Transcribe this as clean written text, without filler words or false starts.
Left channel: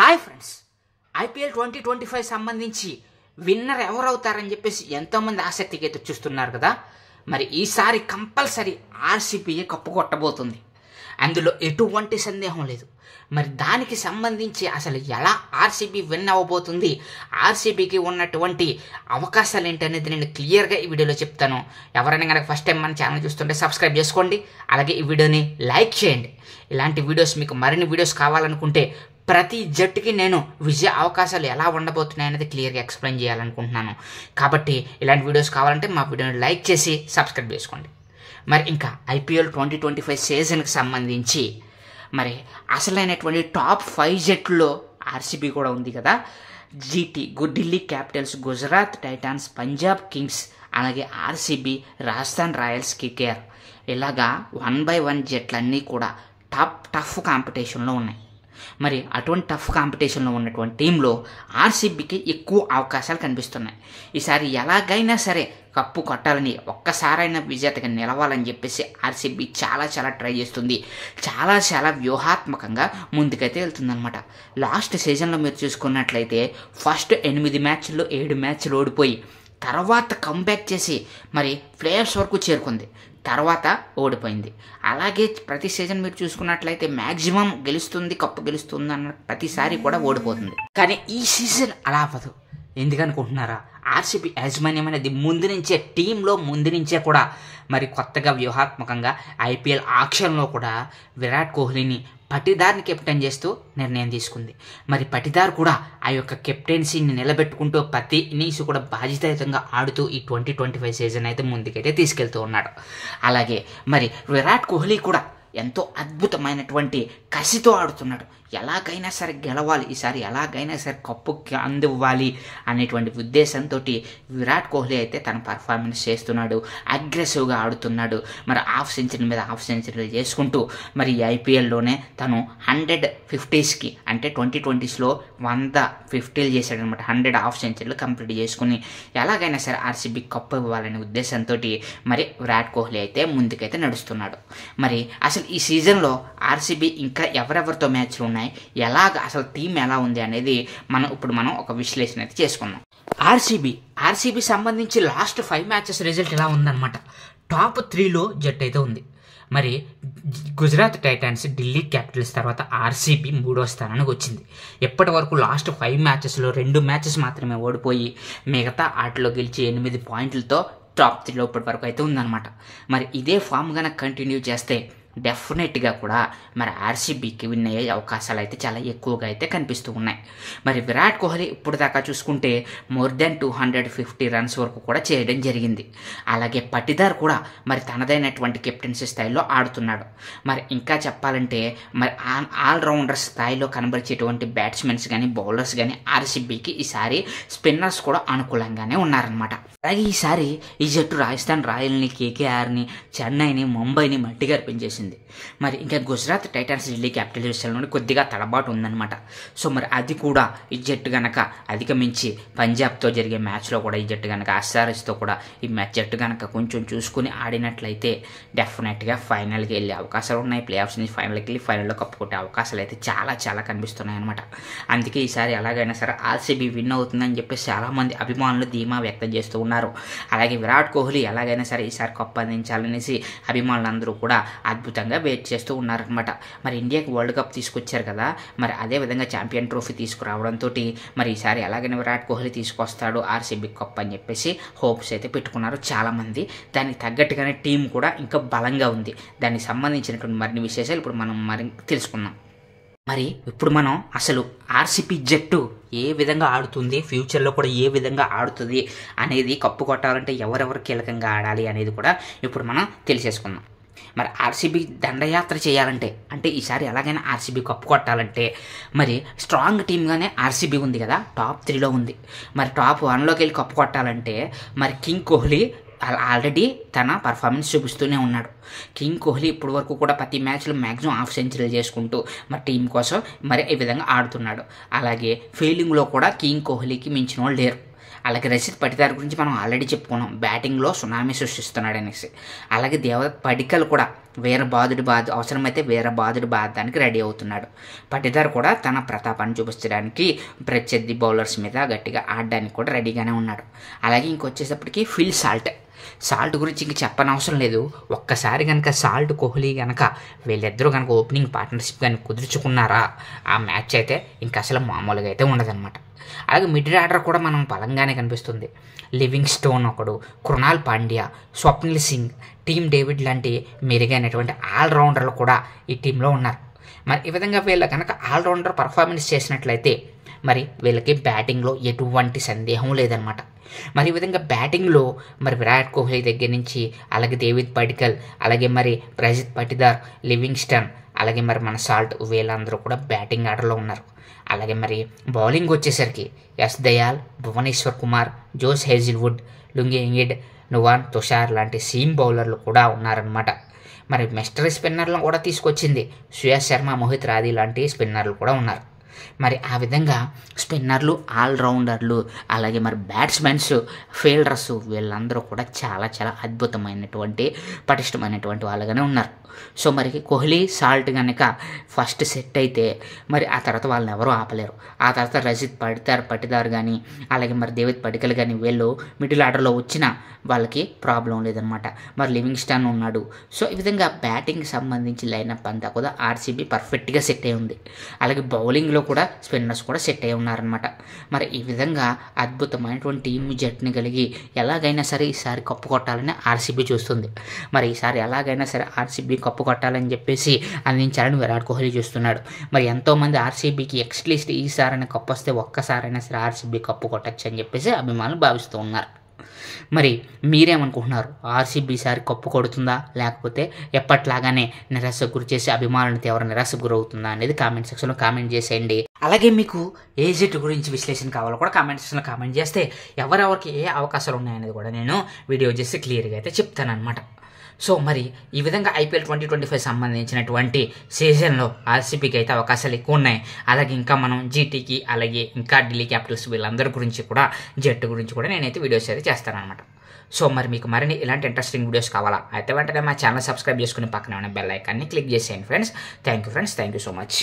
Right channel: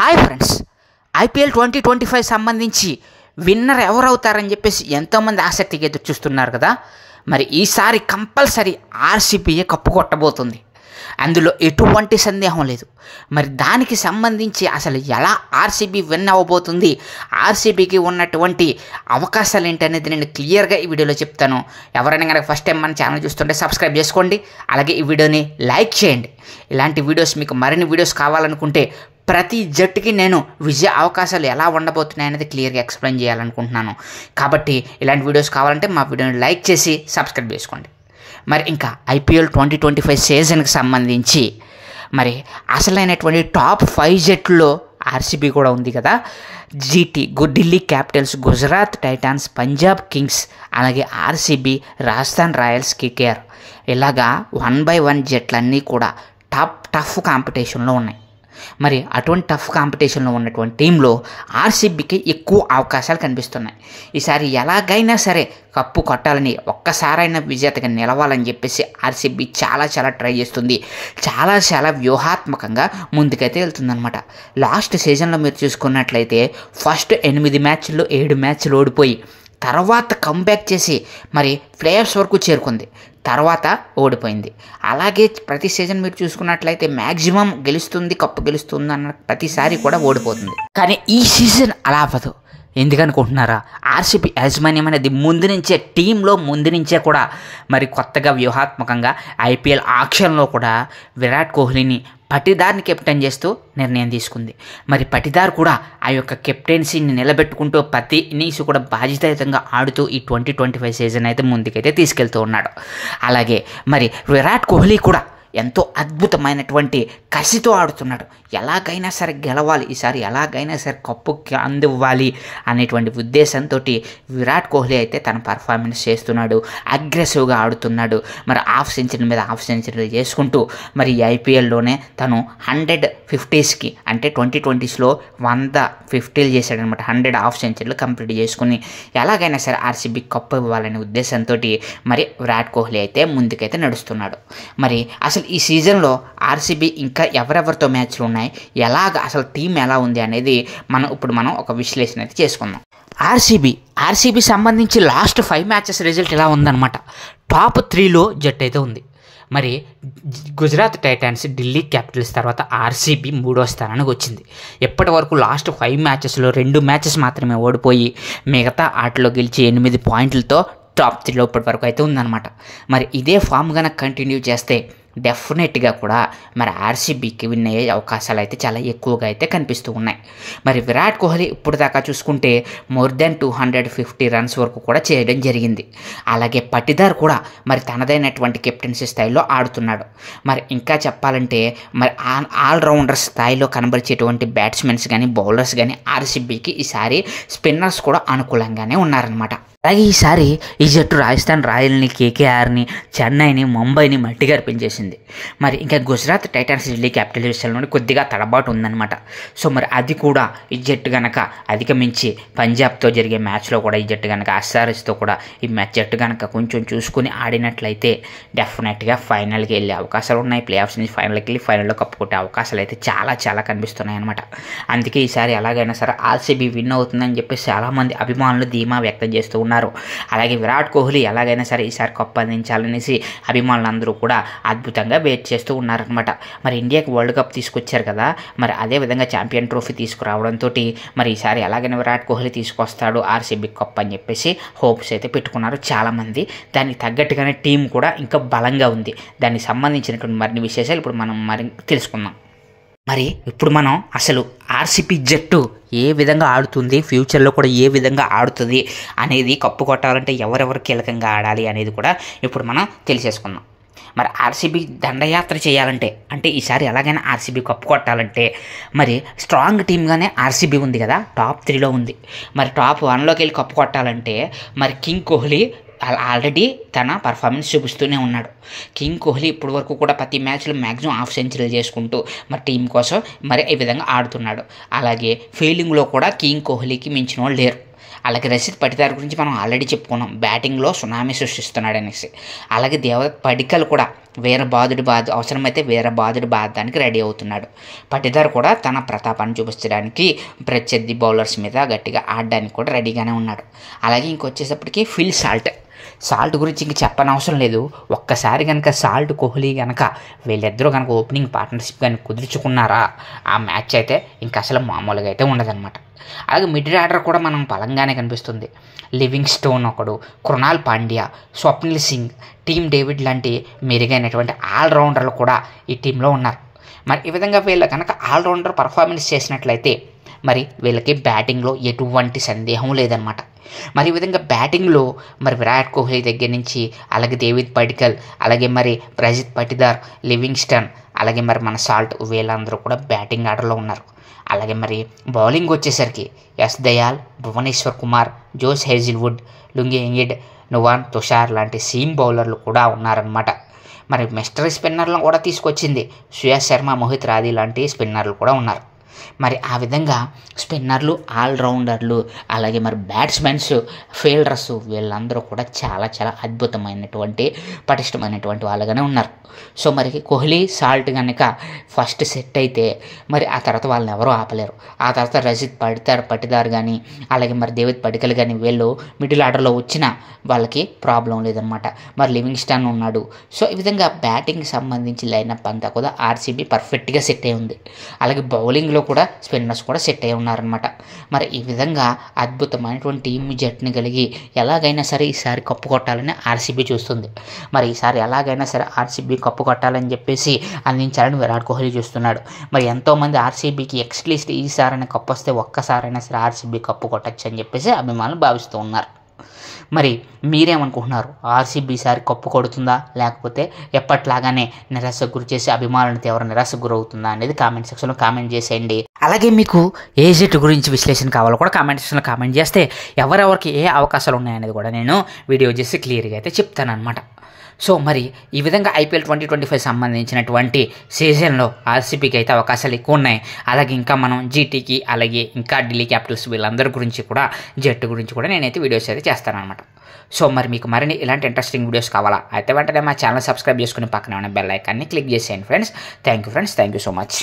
Hi friends, IPL 2025 సంబంధించి winner ఎవరవుతారని చెప్పేసి ఎంతోమంది ఆసక్తిగా ఎదురు చూస్తున్నారు కదా. మరి ఈసారి కంపల్సరీ ఆర్సీబీయే కప్పు కొట్టబోతుంది, అందులో ఎటువంటి సందేహం లేదు. మరి దానికి సంబంధించి అసలు ఎలా ఆర్సీబీ విన్ అవ్వబోతుంది, ఆర్సీబీకి ఉన్నటువంటి అవకాశాలు ఏంటనేది నేను క్లియర్గా ఈ వీడియోలో చెప్తాను. ఎవరైనా కనుక ఫస్ట్ టైం మన ఛానల్ చూస్తుంటే సబ్స్క్రైబ్ చేసుకోండి, అలాగే ఈ వీడియోని లైక్ చేయండి. ఇలాంటి వీడియోస్ మీకు మరిన్ని వీడియోస్ కావాలనుకుంటే ప్రతి జట్టుకి నేను విజయ అవకాశాలు ఎలా ఉండబోతున్నాయి అనేది క్లియర్గా ఎక్స్ప్లెయిన్ చేయాలనుకుంటున్నాను. కాబట్టి ఇలాంటి వీడియోస్ కావాలంటే మా వీడియోని లైక్ చేసి సబ్స్క్రైబ్ చేసుకోండి. మరి ఇంకా ఐపీఎల్ 2025 సీజన్కి సంబంధించి మరి అసలైనటువంటి టాప్ 5 జట్టుల్లో ఆర్సీబీ కూడా ఉంది కదా. Delhi Capitals, Gujarat Titans, Punjab Kings, అలాగే ఆర్సీబీ, రాజస్థాన్ రాయల్స్, కేకేఆర్, ఇలాగా 1 by 1 జట్లన్నీ కూడా టఫ్ కాంపిటీషన్లో ఉన్నాయి. మరి అటువంటి టఫ్ కాంపిటీషన్లో ఉన్నటువంటి టీంలో ఆర్సీబీకి ఎక్కువ అవకాశాలు కనిపిస్తున్నాయి. ఈసారి ఎలాగైనా సరే కప్పు కొట్టాలని, ఒక్కసారైనా విజేతగా నిలవాలని చెప్పేసి ఆర్సీబీ చాలా ట్రై చేస్తుంది. చాలా వ్యూహాత్మకంగా ముందుకైతే వెళ్తుందన్నమాట. లాస్ట్ సీజన్లో మీరు చూసుకున్నట్లయితే ఫస్ట్ 8 మ్యాచ్ల్లో 7 మ్యాచ్లు ఓడిపోయి తర్వాత కంబ్యాక్ చేసి మరి ప్లేఆఫ్స్ వరకు చేరుకుంది, తర్వాత ఓడిపోయింది. అలాగే ప్రతి సీజన్ మీరు చూసుకున్నట్లయితే మ్యాక్సిమం గెలుస్తుంది, కప్పు గెలుస్తుంది అన్న ప్రతిసారి కూడా ఓడిపోతుంది. కానీ ఈ సీజన్ అలా అవ్వదు. ఎందుకనుకుంటున్నారా? ఆర్సీబీ యాజమాన్యం అనేది టీంలో ముందు నుంచే కూడా మరి కొత్తగా వ్యూహాత్మకంగా ఐపీఎల్ ఆక్షన్లో కూడా విరాట్ కోహ్లీని పటిదార్ని కెప్టెన్ చేస్తూ నిర్ణయం తీసుకుంది. మరి పటిదార్ కూడా ఆ యొక్క కెప్టెన్సీని నిలబెట్టుకుంటూ ప్రతి ఇన్నింగ్స్ కూడా బాధ్యతాయుతంగా ఆడుతూ ఈ 2025 సీజన్ అయితే ముందుకైతే తీసుకెళ్తూ ఉన్నాడు. అలాగే మరి విరాట్ కోహ్లీ కూడా ఎంతో అద్భుతమైనటువంటి కసితో ఆడుతున్నాడు. ఎలాగైనా సరే గెలవాలి, ఈసారి ఎలాగైనా సరే కప్పుకి అందివ్వాలి అనేటువంటి ఉద్దేశంతో విరాట్ కోహ్లీ అయితే తన పర్ఫార్మెన్స్ చేస్తున్నాడు, అగ్రెసివ్గా ఆడుతున్నాడు. మరి హాఫ్ సెంచరీ మీద హాఫ్ సెంచరీలు చేసుకుంటూ మరి ఈ ఐపీఎల్లోనే తను 150కి అంటే 2020లో 150లు చేశాడనమాట. 100 హాఫ్ సెంచరీలు కంప్లీట్ చేసుకుని ఎలాగైనా సరే ఆర్సీబీ కప్పు ఇవ్వాలనే ఉద్దేశంతో మరి విరాట్ కోహ్లీ అయితే ముందుకైతే నడుస్తున్నాడు. మరి అసలు ఈ సీజన్లో ఆర్సీబీ ఇంకా ఎవరెవరితో మ్యాచ్లు ఉన్నాయి, ఎలాగ అసలు టీం ఎలా ఉంది అనేది ఇప్పుడు మనం ఒక విశ్లేషణ అయితే చేసుకుందాం. ఆర్సీబీ సంబంధించి లాస్ట్ 5 మ్యాచెస్ రిజల్ట్ ఎలా ఉందన్నమాట. టాప్ 3లో జట్టు అయితే ఉంది. మరి గుజరాత్ టైటాన్స్, ఢిల్లీ క్యాపిటల్స్ తర్వాత ఆర్సీబీ 3వ స్థానానికి వచ్చింది. ఎప్పటి వరకు లాస్ట్ 5 మ్యాచెస్లో 2 మ్యాచెస్ మాత్రమే ఓడిపోయి మిగతా ఆటలో గెలిచి 8 పాయింట్లతో టాప్ 3లో ఇప్పటి వరకు అయితే ఉందన్నమాట. మరి ఇదే ఫామ్ కనుక కంటిన్యూ చేస్తే డెఫినెట్గా కూడా మరి ఆర్సీబీకి విన్ అయ్యే అవకాశాలు అయితే చాలా ఎక్కువగా అయితే కనిపిస్తూ ఉన్నాయి. మరి విరాట్ కోహ్లీ ఇప్పుడు దాకా చూసుకుంటే మోర్ దెన్ 250 రన్స్ వరకు కూడా చేయడం జరిగింది. అలాగే పటిదార్ కూడా మరి తనదైనటువంటి కెప్టెన్సీ స్థాయిలో ఆడుతున్నాడు. మరి ఇంకా చెప్పాలంటే మరి ఆల్రౌండర్ స్థాయిలో కనబరిచేటువంటి బ్యాట్స్మెన్స్ కానీ బౌలర్స్ కానీ ఆర్సీబీకి ఈసారి స్పిన్నర్స్ కూడా అనుకూలంగానే ఉన్నారనమాట. అలాగే ఈసారి ఈ జట్టు రాజస్థాన్ రాయల్ని, కేకేఆర్ని, చెన్నైని, ముంబైని మట్టిగా అర్పించేసింది. మరి ఇంకా గుజరాత్ టైటాన్స్, ఢిల్లీ క్యాపిటల్స్ విషయంలో కొద్దిగా తడబాటు ఉందన్నమాట. సో మరి అది కూడా ఈ జట్టు కనుక అధిగమించి పంజాబ్తో జరిగే మ్యాచ్లో కూడా ఈ జట్టు కనుక ఎస్ఆర్ఎస్తో కూడా ఈ జట్టు కనుక కొంచెం చూసుకుని ఆడినట్లయితే డెఫినెట్గా ఫైనల్కి వెళ్ళే అవకాశాలు ఉన్నాయి. ప్లేఆఫ్స్ నుంచి ఫైనల్కి వెళ్ళి ఫైనల్లో కప్పు కొట్టే అవకాశాలు అయితే చాలా కనిపిస్తున్నాయి అనమాట. అందుకే ఈసారి ఎలాగైనా సరే ఆర్సీబీ విన్ అవుతుందని చెప్పి చాలామంది అభిమానులు ధీమా వ్యక్తం చేస్తూ ఉన్నారు. అలాగే విరాట్ కోహ్లీ ఎలాగైనా సరే ఈసారి కప్పు అందించాలనేసి అభిమానులందరూ కూడా అద్భుతంగా వెయిట్ చేస్తూ ఉన్నారనమాట. మరి ఇండియాకి వరల్డ్ కప్ తీసుకొచ్చారు కదా, మరి అదేవిధంగా ఛాంపియన్ ట్రోఫీ తీసుకురావడంతో మరి ఈసారి ఎలాగైనా విరాట్ కోహ్లీ తీసుకొస్తాడు ఆర్సీబీ కప్ అని చెప్పేసి హోప్స్ అయితే పెట్టుకున్నారు చాలామంది. దానికి తగ్గట్టుగానే టీం కూడా ఇంకా బలంగా ఉంది. దానికి సంబంధించినటువంటి మరిన్ని విశేషాలు ఇప్పుడు మనం తెలుసుకుందాం. మరి ఇప్పుడు మనం అసలు ఆర్సీబీ జట్టు ఏ విధంగా ఆడుతుంది, ఫ్యూచర్లో కూడా ఏ విధంగా ఆడుతుంది అనేది, కప్పు కొట్టాలంటే ఎవరెవరు కీలకంగా ఆడాలి అనేది కూడా ఇప్పుడు మనం తెలిసేసుకుందాం. మరి ఆర్సీబీ దండయాత్ర చేయాలంటే, అంటే ఈసారి ఎలాగైనా ఆర్సీబీ కప్పు కొట్టాలంటే మరి స్ట్రాంగ్ టీమ్గానే ఆర్సీబీ ఉంది కదా, టాప్ 3లో ఉంది. మరి టాప్ 1లోకి వెళ్ళి కప్పు కొట్టాలంటే మరి కింగ్ కోహ్లీ ఆల్రెడీ తన పర్ఫార్మెన్స్ చూపిస్తూనే ఉన్నాడు. కింగ్ కోహ్లీ ఇప్పటి వరకు కూడా ప్రతి మ్యాచ్లో మ్యాక్సిమం హాఫ్ సెంచరీలు చేసుకుంటూ మరి టీం కోసం మరి ఈ విధంగా ఆడుతున్నాడు. అలాగే ఫీల్డింగ్లో కూడా కింగ్ కోహ్లీకి మించిన వాళ్ళు లేరు. అలాగే రషీద్ పటిదార్ గురించి మనం ఆల్రెడీ చెప్పుకున్నాం, బ్యాటింగ్లో సునామీ సృష్టిస్తున్నాడు అనేసి. అలాగే దేవదత్ పడిక్కల్ కూడా అవసరమైతే వేరే బాదుడు బాధడానికి రెడీ అవుతున్నాడు. పటిదార్ కూడా తన ప్రతాపాన్ని చూపించడానికి ప్రత్యర్థి బౌలర్స్ మీద గట్టిగా ఆడడానికి కూడా రెడీగానే ఉన్నాడు. అలాగే ఇంకొచ్చేటప్పటికి ఫిల్ సాల్ట్ గురించి ఇంక చెప్పనవసరం లేదు. ఒక్కసారి కనుక సాల్ట్ కోహ్లీ కనుక వీళ్ళిద్దరూ కనుక ఓపెనింగ్ పార్ట్నర్షిప్ కానీ కుదుర్చుకున్నారా, ఆ మ్యాచ్ అయితే ఇంక అసలు మామూలుగా అయితే ఉండదన్నమాట. అలాగే మిడిల్ ఆర్డర్ కూడా మనం బలంగానే కనిపిస్తుంది. లివింగ్ స్టోన్ ఒకడు, కృణాల్ పాండ్యా, స్వప్నిల్ సింగ్, టీమ్ డేవిడ్ లాంటి మెరుగైనటువంటి ఆల్రౌండర్లు కూడా ఈ టీంలో ఉన్నారు. మరి ఈ విధంగా వీళ్ళు కనుక ఆల్రౌండర్ పర్ఫార్మెన్స్ చేసినట్లయితే మరి వీళ్ళకి బ్యాటింగ్లో ఎటువంటి సందేహం లేదనమాట. మరి ఈ విధంగా బ్యాటింగ్లో మరి విరాట్ కోహ్లీ దగ్గర నుంచి అలాగే దేవిద్ పడిక్కల్, అలాగే మరి రషీద్ పటిదార్, లివింగ్స్టన్, అలాగే మరి మన సాల్ట్ వీళ్ళందరూ కూడా బ్యాటింగ్ ఆర్డర్లో ఉన్నారు. అలాగే మరి బౌలింగ్ వచ్చేసరికి యశ్ దయాల్, భువనేశ్వర్ కుమార్, జోస్ హేజిల్వుడ్, లుంగి ఎంగిడ్, నువాన్ తుషార్ లాంటి సీమ్ బౌలర్లు కూడా ఉన్నారనమాట. మరి మిస్టరీ స్పిన్నర్లను కూడా తీసుకొచ్చింది. సుయాష్ శర్మ, మోహిత్ రాథీ లాంటి స్పిన్నర్లు కూడా ఉన్నారు. మరి ఆ విధంగా స్పిన్నర్లు, ఆల్రౌండర్లు, అలాగే మరి బ్యాట్స్మెన్స్, ఫీల్డర్స్ వీళ్ళందరూ కూడా చాలా చాలా అద్భుతమైనటువంటి పటిష్టమైనటువంటి వాళ్ళగానే ఉన్నారు. సో మరి కోహ్లీ సాల్ట్ కనుక ఫస్ట్ సెట్ అయితే మరి ఆ తర్వాత వాళ్ళని ఎవరూ ఆపలేరు. ఆ తర్వాత రషీద్ పటిదార్ కానీ అలాగే మరి దేవిద్ పడిక్కల్ కానీ వీళ్ళు మిడిల్ ఆర్డర్లో వచ్చిన వాళ్ళకి ప్రాబ్లం లేదనమాట. మరి లివింగ్స్టన్ ఉన్నాడు. సో ఈ విధంగా బ్యాటింగ్కి సంబంధించి లైనప్ అంతా కూడా ఆర్సీబీ పర్ఫెక్ట్గా సెట్ అయి ఉంది. అలాగే బౌలింగ్లో కూడా స్పిన్నర్స్ కూడా సెట్ అయి ఉన్నారనమాట. మరి ఈ విధంగా అద్భుతమైనటువంటి టీమ్ జట్టుని కలిగి ఎలాగైనా సరే ఈసారి కప్పు కొట్టాలని ఆర్సీబీ చూస్తుంది. మరి ఈసారి ఎలాగైనా సరే ఆర్సీబీ కప్పు కొట్టాలని చెప్పేసి అందించాలని విరాట్ కోహ్లీ చూస్తున్నాడు. మరి ఎంతోమంది ఆర్సీబీకి ఎక్స్ట్లీస్ట్ ఈసారైనా కప్పు వస్తే ఒక్కసారైనా సరే ఆర్సీబీ కప్పు కొట్టచ్చు అని చెప్పేసి అభిమానులు భావిస్తూ ఉన్నారు. మరి మీరేమనుకుంటున్నారు? ఆర్సీబీ ఈసారి కప్పు కొడుతుందా, లేకపోతే ఎప్పట్లాగానే నిరాశకు గురి చేసి అభిమానులతో ఎవరు నిరాశకు గురవుతుందా అనేది కామెంట్ సెక్షన్లో కామెంట్ చేసేయండి. అలాగే మీకు ఏ జట్టు గురించి విశ్లేషణ కావాలో కూడా కామెంట్ సెక్షన్లో కామెంట్ చేస్తే ఎవరెవరికి ఏ అవకాశాలు ఉన్నాయనేది కూడా నేను వీడియో చేసి క్లియర్గా అయితే చెప్తాను అనమాట. సో మరి ఈ విధంగా ఐపీఎల్ 2025 సంబంధించినటువంటి సీజన్లో ఆర్సీబీకి అయితే అవకాశాలు ఎక్కువ ఉన్నాయి. అలాగే ఇంకా మనం జీటీకి అలాగే ఇంకా ఢిల్లీ క్యాపిటల్స్ వీళ్ళందరి గురించి కూడా జట్టు గురించి కూడా నేనైతే వీడియోస్ అయితే చేస్తానన్నమాట. సో మరి మీకు మరిన్ని ఇలాంటి ఇంట్రెస్టింగ్ వీడియోస్ కావాలా అయితే వెంటనే మా ఛానల్ సబ్స్క్రైబ్ చేసుకుని పక్కన ఉన్న బెల్ ఐకాన్ని క్లిక్ చేసేయండి friends. Thank you so much.